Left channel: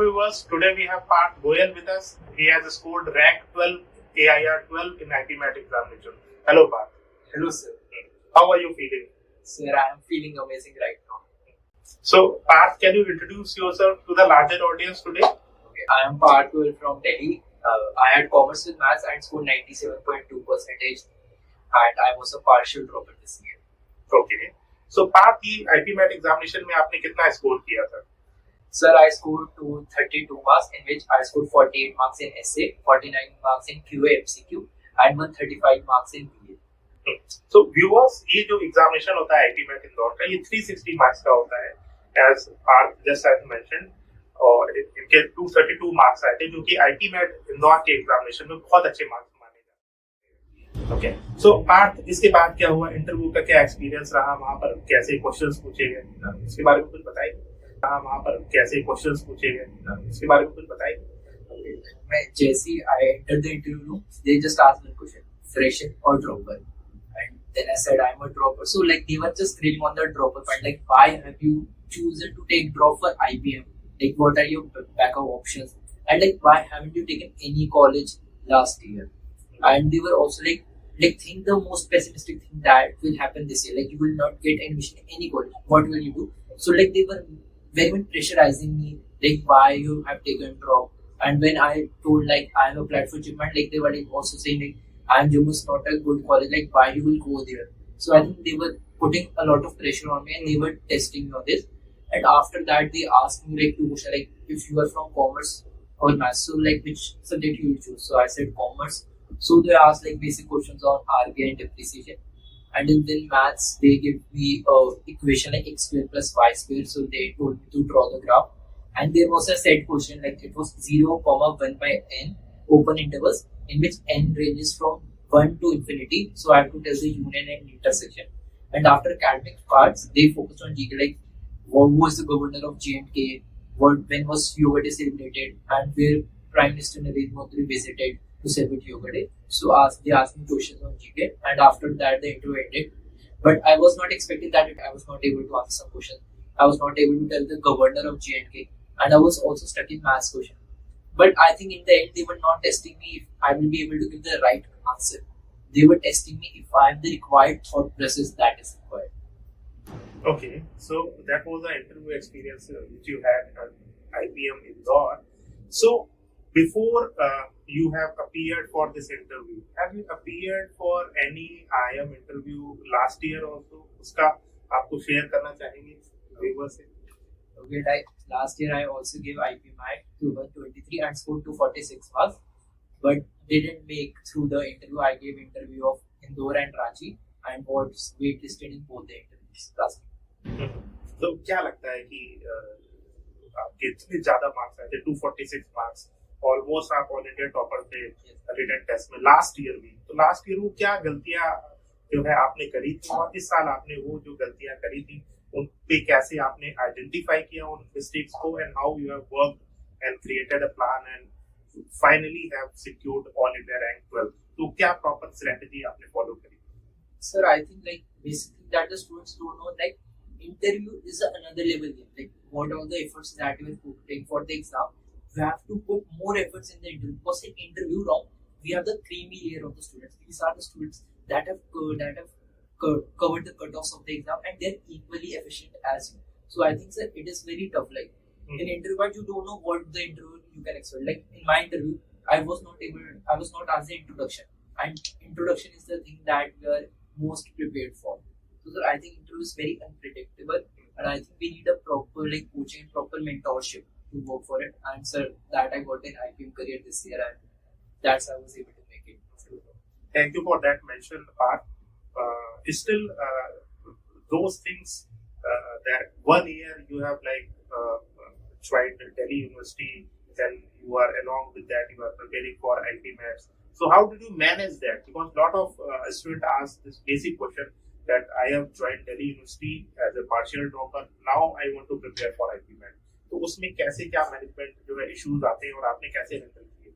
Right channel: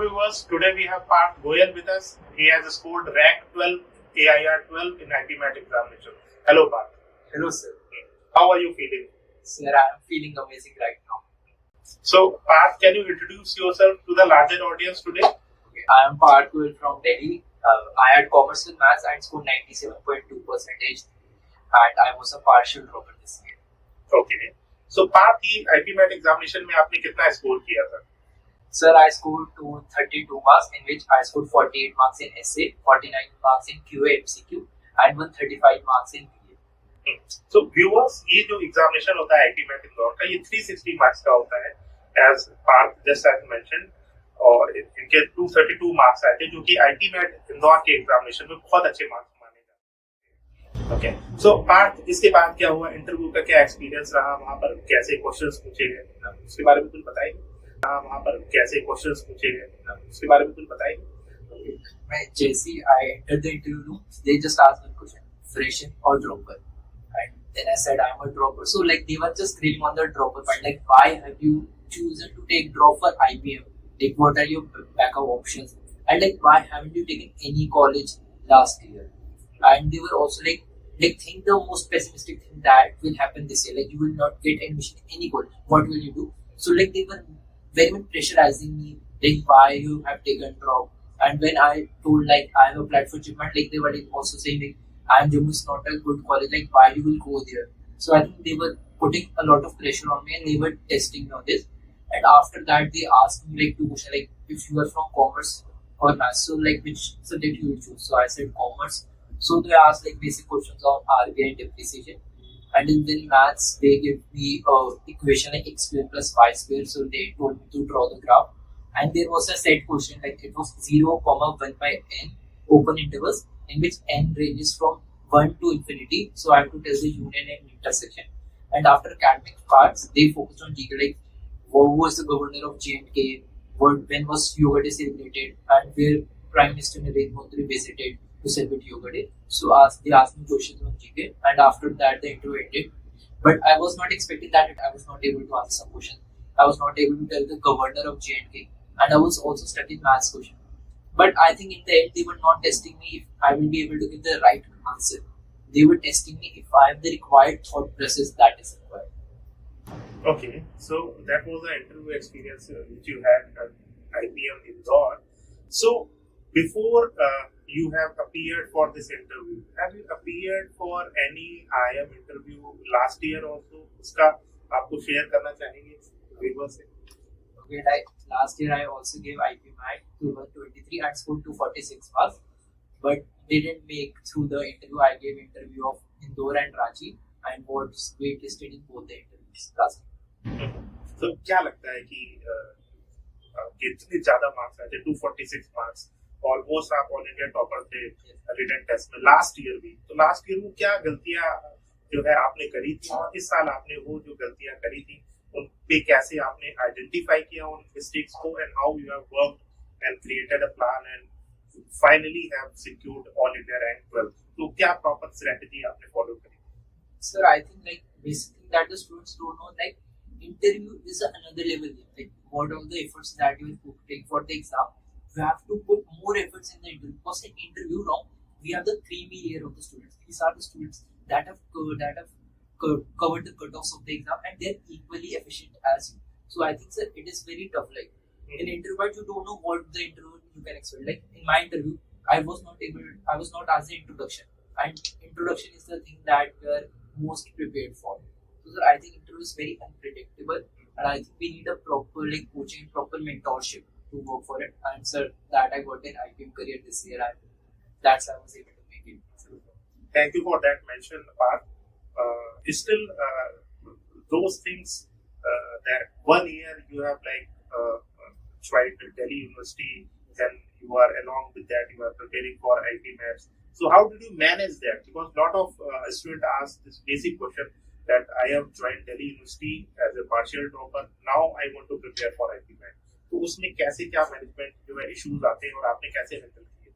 viewers, today we have Parth Goyal with us. He has scored rank 12 AIR 12 in IPMAT examination. Hello Parth. Hello sir. How are you feeling? Sir, I am feeling amazing right now. So Parth, can you introduce yourself to the larger audience today? Okay, I am Parth Goyal from Delhi. I had commerce with maths and scored 97.2% and I was a partial dropper this year. Okay. So Parth, की IPMAT examination में आपने कितना score किया था? Sir, I scored 232 marks in which I scored 48 marks in essay, 49 marks in QA MCQ and 135 marks in BA. So viewers, ये जो examination होता है IPMAT इंदौर का, ये 360 marks का होता है, as Parth just as mentioned, और इनके 232 marks आए थे, जो कि IPMAT इंदौर के examination में बहुत अच्छे marks माने जाते हैं. Okay. So Parth, इसके बाद क्या हुआ? इंटरव्यू का क्या एक्सपीरियंस रहा? वहाँ पर कैसे क्वेश्चंस पूछे गए? उसके बारे में कुछ बताइए. वहाँ पर कैसे क्वेश्चंस पूछे गए? उसके बारे में कुछ बताइए. मैं जैसे I entered the interview room, they just asked one question: fresher or dropper? And then I said I'm a dropper. So like they were just grilling on the dropper part. Like, why have you chosen to take drop for IPM? Like, what are your backup options? And like, why haven't you taken any college last year? And they were also like think the most pessimistic thing that will happen this year. Like, you will not get admission in any college. What will you do? So like they were very much pressurizing me. Like, why you have taken drop? And when I told like I am applied for achievement, like they were like also saying like I'm Jammu is not a good college. Like, why you will go there? So I think they were putting a lot of pressure on me and they were testing me on this. And after that, they asked me like two questions, like if you are from commerce or maths, so like which subject you will choose. So I said commerce. So they asked like basic questions on RBI and depreciation. And then maths, they gave me a equation like x square plus y square. So they told me to draw the graph. And there was a set question, like it was 0,1 by n open intervals in which n ranges from 1 to infinity. So I have to tell the union and intersection. And after academic parts, they focused on GK, like who was the governor of J&K, when was Yoga Day celebrated, and where Prime Minister Narendra Modi visited to celebrate Yoga Day. So they asked me questions on GK, and after that the interview ended. But I was not expecting that I was not able to answer some questions. I was not able to tell the governor of J&K, and I was also stuck in maths question. But I think in the end they were not testing me if I will be able to give the right answer. They were testing me if I have the required thought process that is required. Okay, so that was the interview experience which you had at IPM Indore. So before you have appeared for this interview, have you appeared for any IM interview last year also? उसका आपको share करना चाहेंगे viewers से? Okay, like last year I also gave IPMAT to 123 and scored 246 marks, but didn't make through the interview. I gave interview of Indore and Ranchi and was waitlisted in both the interviews last year. So क्या लगता है कि आपके इतने ज्यादा marks आए थे 246 marks, almost आप ऑल इंडिया टॉपर थे रिटन टेस्ट में लास्ट ईयर भी. तो लास्ट ईयर वो क्या गलतियां जो है आपने करी थी और इस साल आपने वो जो गलतियां करी थी उन पे कैसे आपने आइडेंटिफाई किया उन मिस्टेक्स को, and how you have worked and created a plan and finally have secured all India rank 12. तो क्या प्रॉपर स्ट्रेटजी आपने फॉलो करी? Sir, I think like basically that the students don't know, like interview is another level game. Like what are the efforts that you will put for the exam, we have to put more efforts in the interview, because in interview wrong we have the creamy layer of the students. These are the students that have covered the cutoffs of the exam and they're equally efficient as you. So I think sir, it is very tough. Like in interview, but you don't know what the interview you can expect. Like in my interview, I was not asked the introduction, and introduction is the thing that we are most prepared for. So sir, I think interview is very unpredictable, and I think we need a proper like coaching, proper mentorship to work for it. And sir, that I got in IPM career this year, and that's how I was able to make it. Thank you for that mention, Parth. Still, those things that 1 year you have like tried Delhi University, then you are along with that you are preparing for IPMATs. So how did you manage that? Because a lot of students ask this basic question that I have joined Delhi University as a partial dropper. Now I want to prepare for IPMAT. तो उसमें कैसे क्या management जो है issues आते हैं और आपने कैसे हैंडल किए?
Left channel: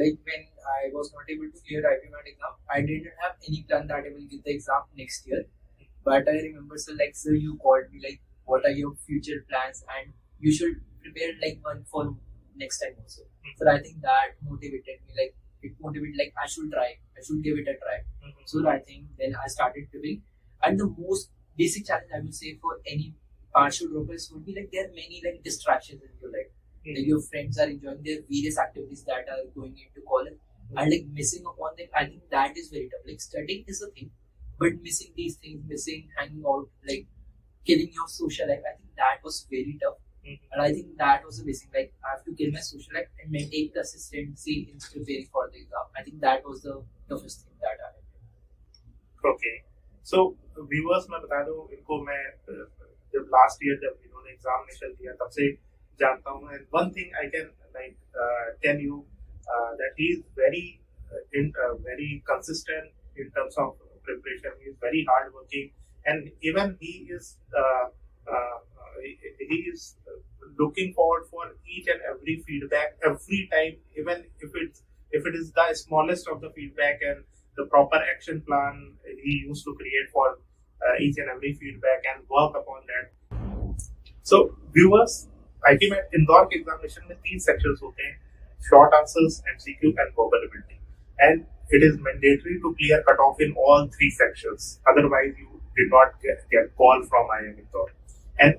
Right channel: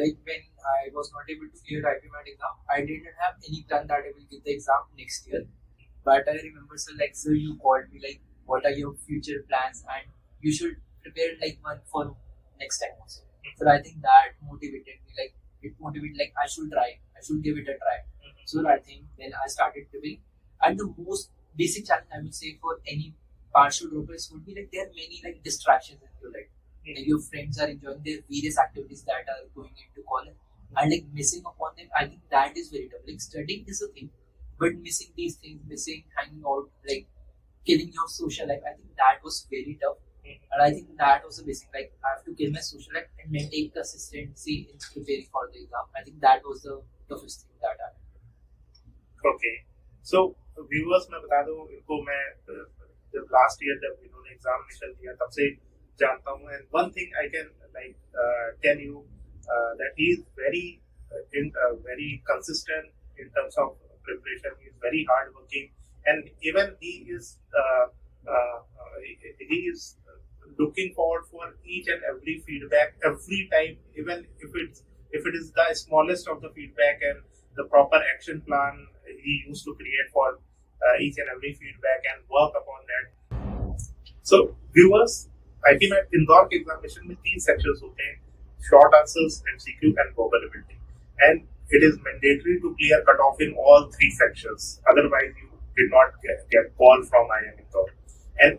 Like when I was not able to clear IPMAT exam, I didn't have any plan that I will get the exam next year. But I remember, sir, you called me like, what are your future plans? And you should prepare like one for next time also. So I think that motivated me. Like it motivated like I should try. I should give it a try. So I think then I started preparing. And the most basic challenge I would say for any partial droppers would be like there are many like distractions in your life. Like your friends are enjoying their various activities that are going into college, and like missing upon them, I think that is very tough. Like studying is a thing, but missing these things, missing hanging out, like killing your social life, I think that was very tough. And I think that was the basic. Like I have to kill my social life and maintain consistency in preparing for the exam. I think that was the toughest thing that I had. Okay. So viewers मैं बता दूं इनको मैं जब last year जब इन्होंने examination दिया तब से जानता हूँ, and one thing I can like tell you that he is very consistent in terms of preparation. He is very hardworking, and even he is looking forward for each and every feedback every time, even if it is the smallest of the feedback, and the proper action plan he used to create for each and every feedback and work upon that. So viewers, IPMAT Indore के examination में 3 sections होते हैं, short answers, MCQ and verbal ability, and it is mandatory to clear cutoff in all 3 sections. Otherwise, you did not get call from IIM Indore. And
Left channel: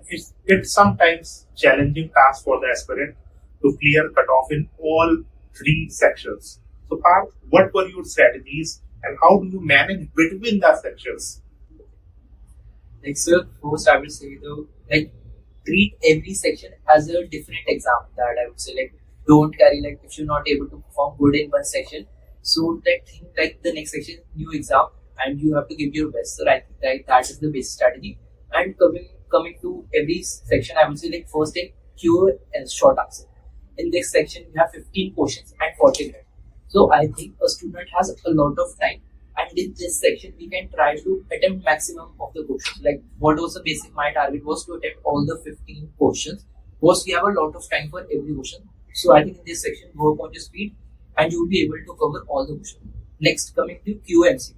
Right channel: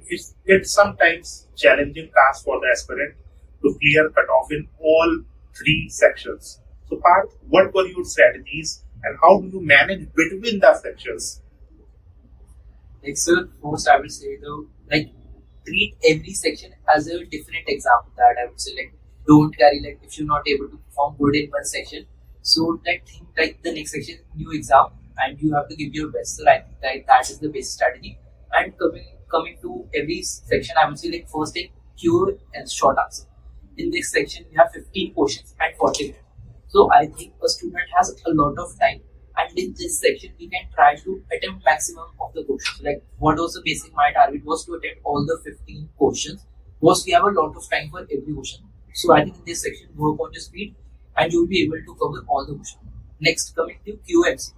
it's sometimes challenging task for the aspirant to clear cutoff in all 3 sections. So, Parth, what were your strategies and how do you manage between the sections? Like, sir, first I will say treat every section as a different exam. That I would say, like, don't carry like if you're not able to perform good in one section, so that think like the next section new exam and you have to give your best. So I think that is the basic strategy. And coming to every section, I would say like first thing Q and short answer. In this section we have 15 questions and 40 minutes. So I think a student has a lot of time, and in this section we can try to attempt maximum of the questions. Like what was the basic, my target was to attempt all the 15 questions. Because we have a lot of time for every question. So I think in this section work on your speed and you will be able to cover all the questions. Next, coming to QMCQ.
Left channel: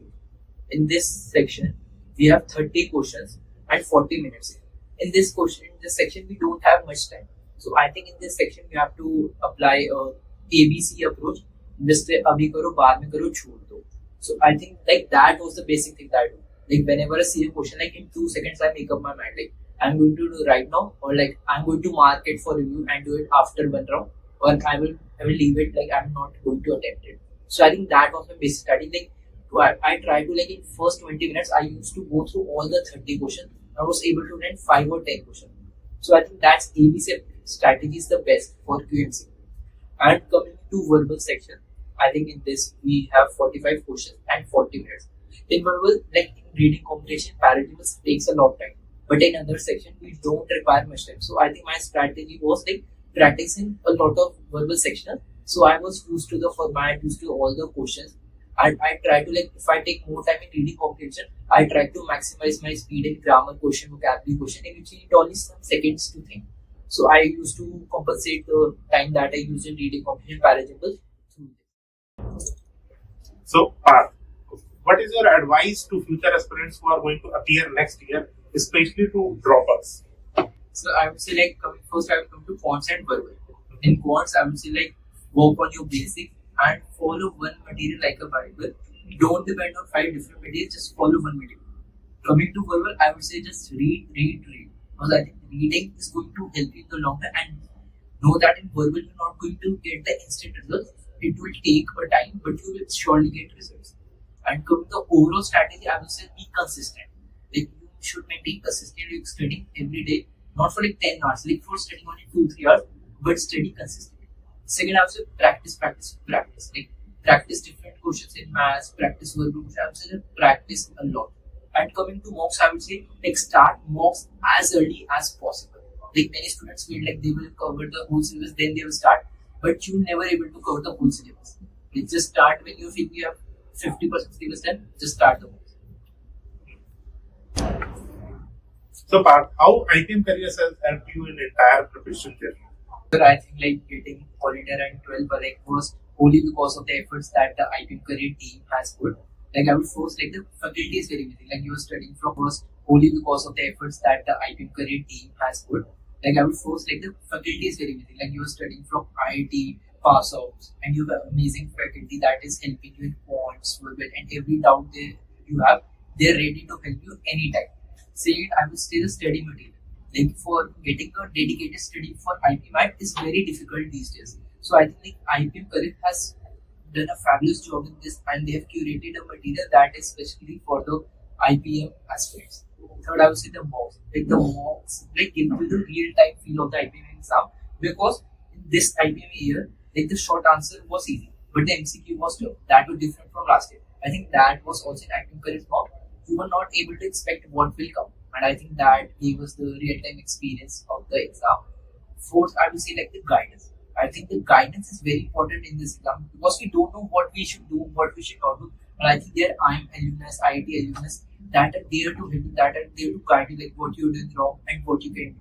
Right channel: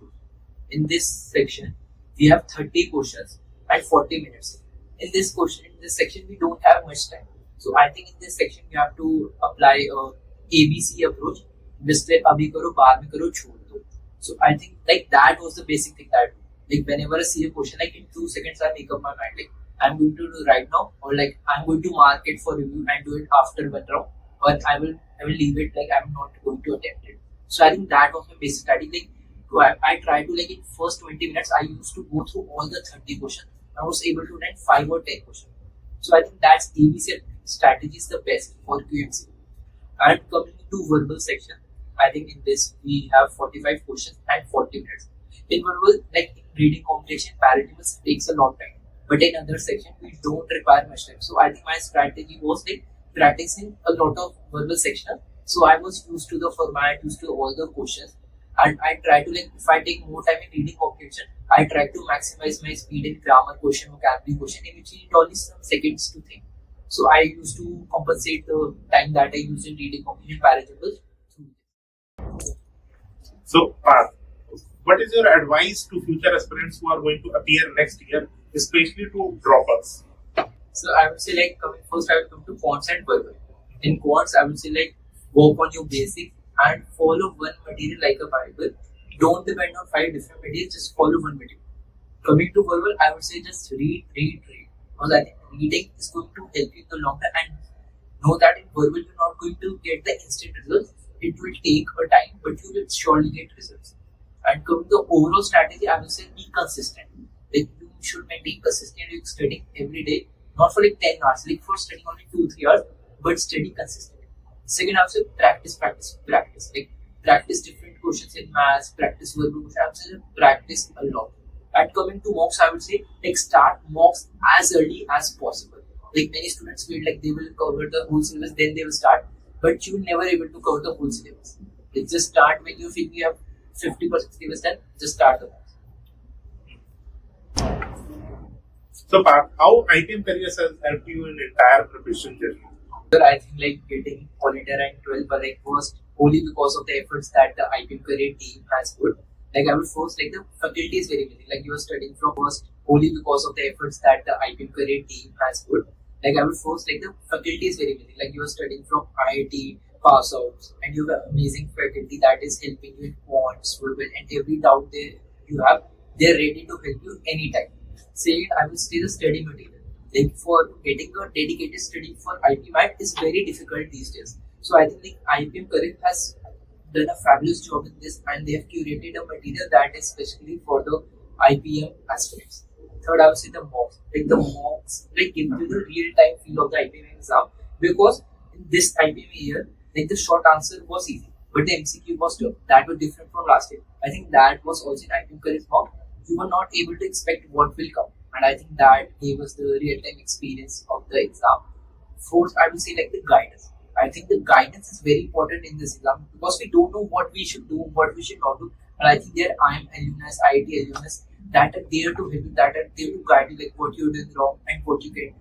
In this section, we have 30 questions and 40 minutes. In this section, we don't have much time. So I think in this section, you have to apply a ABC approach. जिसपे अभी करो, बाद में करो, छोड़ दो. So I think like that was the basic thing that I do. Like whenever I see a question, like in 2 seconds, I make up my mind. Like I'm going to do right now, or like I'm going to mark it for review and do it after one round, or I will leave it like I'm not going to attempt it. So I think that was my basic strategy. Like I try to like in first 20 minutes, I used to go through all the 30 questions. I was able to write 5 or 10 questions. So I think that's ABC strategy is the best for QMC. And coming to verbal section, I think in this we have 45 questions and 40 minutes. In verbal, like in reading comprehension, paradigms takes a lot of time. But in other section, we don't require much time. So I think my strategy was like practicing a lot of verbal section. So I was used to the format, used to all the questions. And I try to like, if I take more time in reading comprehension, I try to maximize my speed in grammar question, vocabulary question, in which I need only some seconds to think. So I used to compensate the time that I use in reading comprehension paradigms. So, Parth, what is your advice to future aspirants who are going to appear next year, especially to droppers? So I would say like first I will come to quants and verbal. In quants, I would say like work on your basics and follow one material like a Bible. Don't depend on 5 different materials, just follow one material. Coming to verbal, I would say just read. Because I think reading is going to help you in the long run, and know that in verbal you're not going to get the instant results. It will take a time, but you will surely get results. And coming to the overall strategy, I would say be consistent. Like you should maintain consistently studying every day, not for like 10 hours, like for studying only 2-3 hours, but study consistently. Second, I would say practice. Like practice different questions in maths, practice verbal questions. I would say practice a lot. And coming to mocks, I would say like start mocks as early as possible. Like many students feel like they will cover the whole syllabus, then they will start. But you're never able to cover the whole syllabus. Like just start when you feel you have 50% syllabus done, just start the mocks. So, Parth, how IPM careers has helped you in entire preparation journey? I think like getting quality rank 12 but like first only because of the efforts that the IPM career team has put. Like I would first like the faculty is very amazing. Like you are studying from first only because of the efforts that the IPM career team has put. Like I would first like the faculty is very amazing. Like you are studying from IIT pass outs and you have amazing faculty that is helping you in quants, verbal, and every doubt you have, they're ready to help you anytime. Second, I would say the study material. Like for getting a dedicated study for IPMAT is very difficult these days. So I think like IPM Correct has done a fabulous job in this and they have curated a material that is specially for the IPM aspirants. Third, I would say the mocks. Like the mocks like give you the real time feel of the IPM exam because in this IPM year, like the short answer was easy, but the MCQ was tough. That was different from last year. I think that was also in IPM Correct mock. You were not able to expect what will come, and I think that gave us the real time experience of the exam. Fourth, I would say like the guidance. I think the guidance is very important in this exam because we don't know what we should do, what we should not do. And I think there IIM alumnus, IIT alumnus that are there to help you, that are there to guide you like what you're doing wrong and what you can do.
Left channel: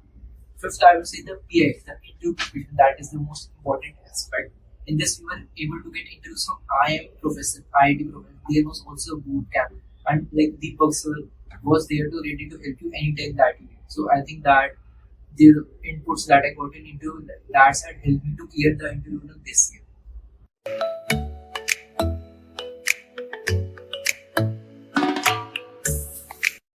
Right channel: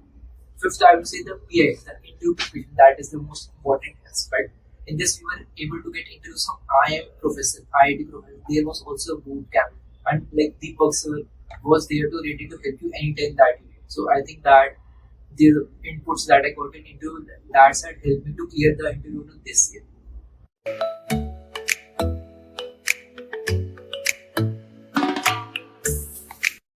Fifth, I would say the PI, the interview preparation, that is the most important aspect. In this, we were able to get interviews from IIM professor, IIT professor. There was also a boot camp, and like Deepak sir was there to ready to help you anytime that you need. So I think that the inputs that I got in interview that had helped me to clear the interview this year.